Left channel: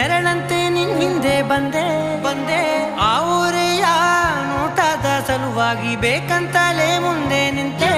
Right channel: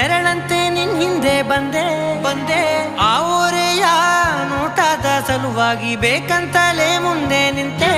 ನೆರಳಂತೆ ನಿನ್ ಹಿಂದೆ ಬಂದೆ ಆ ಊರೆಯ ನೋಟದ ಸಲುವಾಗಿ ಬೇಕಂತಲೇ ಮುಂದೆ ನಿಂತೆ